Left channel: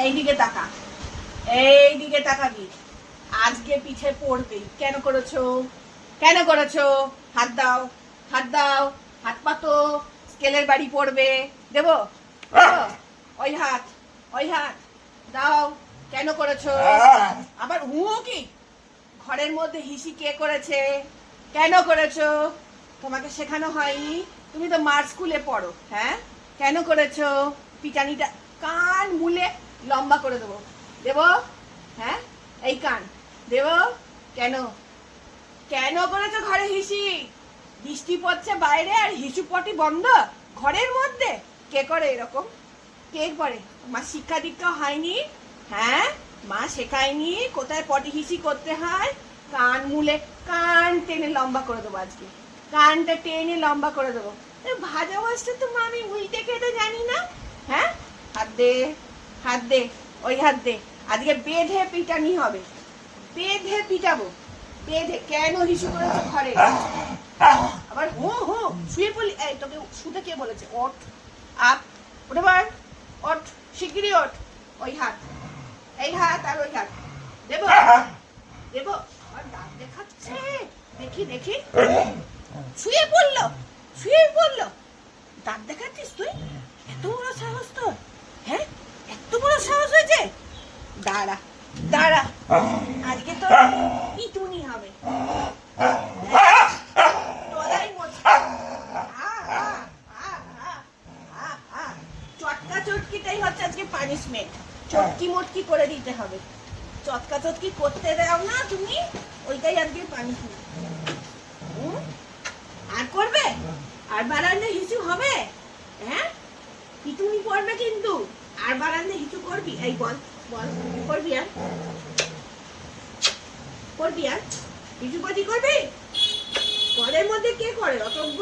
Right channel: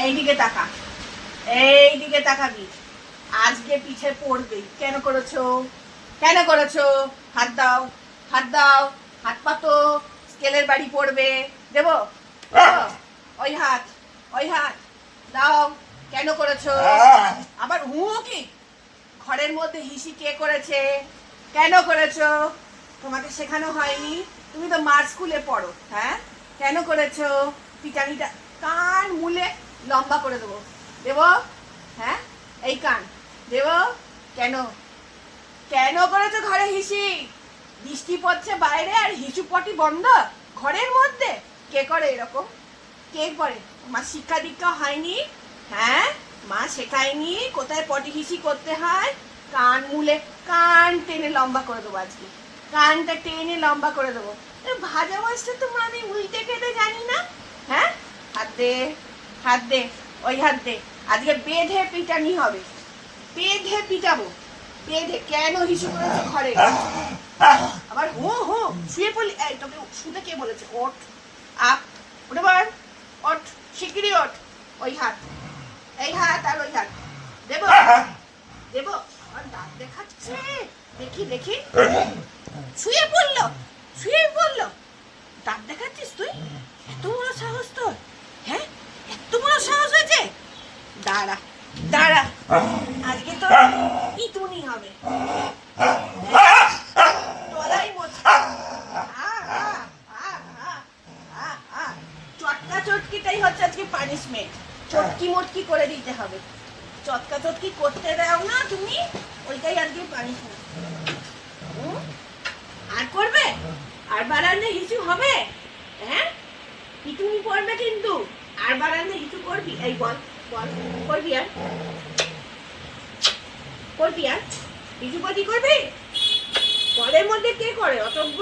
এইদিকে তাকা, এইদিকে তাকাবি। আজকে পিঠে পড়বে। কেন করেছো? কেন করেছো? হাত দাও, হাত দাও, হাত পাতো। স্কেলের বাড়ি পড়বে। দেবো? ওই হাত, ওই হাত দাও। কেন করেছো? আবার হুঁ কি? ঘরের মধ্যে হিসি কে করেছে? কেন করেছো? তোমাকে শেখানো হয়নি? তুমি তো মার স্কুলে পড়ো। হ্যাঁ, কেন করেছো? পিটানিটা কান মুলে লম্বা করে দেবো। দেবো? হ্যাঁ, এই কান দেবো। কেন কেন করেছো ঘরে হিসি? বৃষ্টি পড়ছে বাইরে আর হিসু পটি বন্ধ ঘরের মধ্যে? কে করে এরকম? কে করে? মা শিক্ষা দীক্ষা হয়নি? হ্যাঁ, মা শেখায়নি কোথায় পটি হিসি করতে হয়? কান মুলে কান টেনে লম্বা করে দেবো। আজকে কানটা টেনে লম্বা করে দেবো। ভাজা মাছটা তোমরা আমি উল্টে খেতে জানি না। হ্যাঁ, হাত দে, হাত দে, ওই হাত দে। আজকে বেঁধে পিটানি হবে, বেঁধে পিটাবো, বেঁধে। কেন হিসু করেছো ঘরে? আবার হু হু শুয়ে পড়লি? এই তোকে শুতে কে বলেছে? ওঠ, আপ, উঠে পড়, ওঠ, শিগগিরই ওঠ। ওই হাত, এই হাত আর ওই হাত দেবো, দেবো। আর দাঁত দেখাচ্ছে, দেখি দেখি। শুয়ে পড়লো, শুয়ে পড়লো। দাঁত দেখাচ্ছিস তুই? এত বড় সাহস তোর? হ্যাঁ, এত বড় সাহস হয়েছে? দাঁড়া, দাঁড়া, আজকে তো পিটুনি হবে। চটকা চটকিটাই হচ্ছে আজকে পানিশমেন্ট। চটকি মটকি করে দিতে হবে। চটকা চটকি করতে দাও না তুমি, ওইটাই আজকে পানিশমেন্ট। আর করবে? আর বারান্দে হিসু হবে? হ্যাঁ, পিটুনি পড়বে কিন্তু। আর বারান্দে হিসু করবি? এই বল, বল, করবি আর? করবি আর? হিসু পটি করবি? ঘরের মধ্যে কে করে অতজ্ঞ?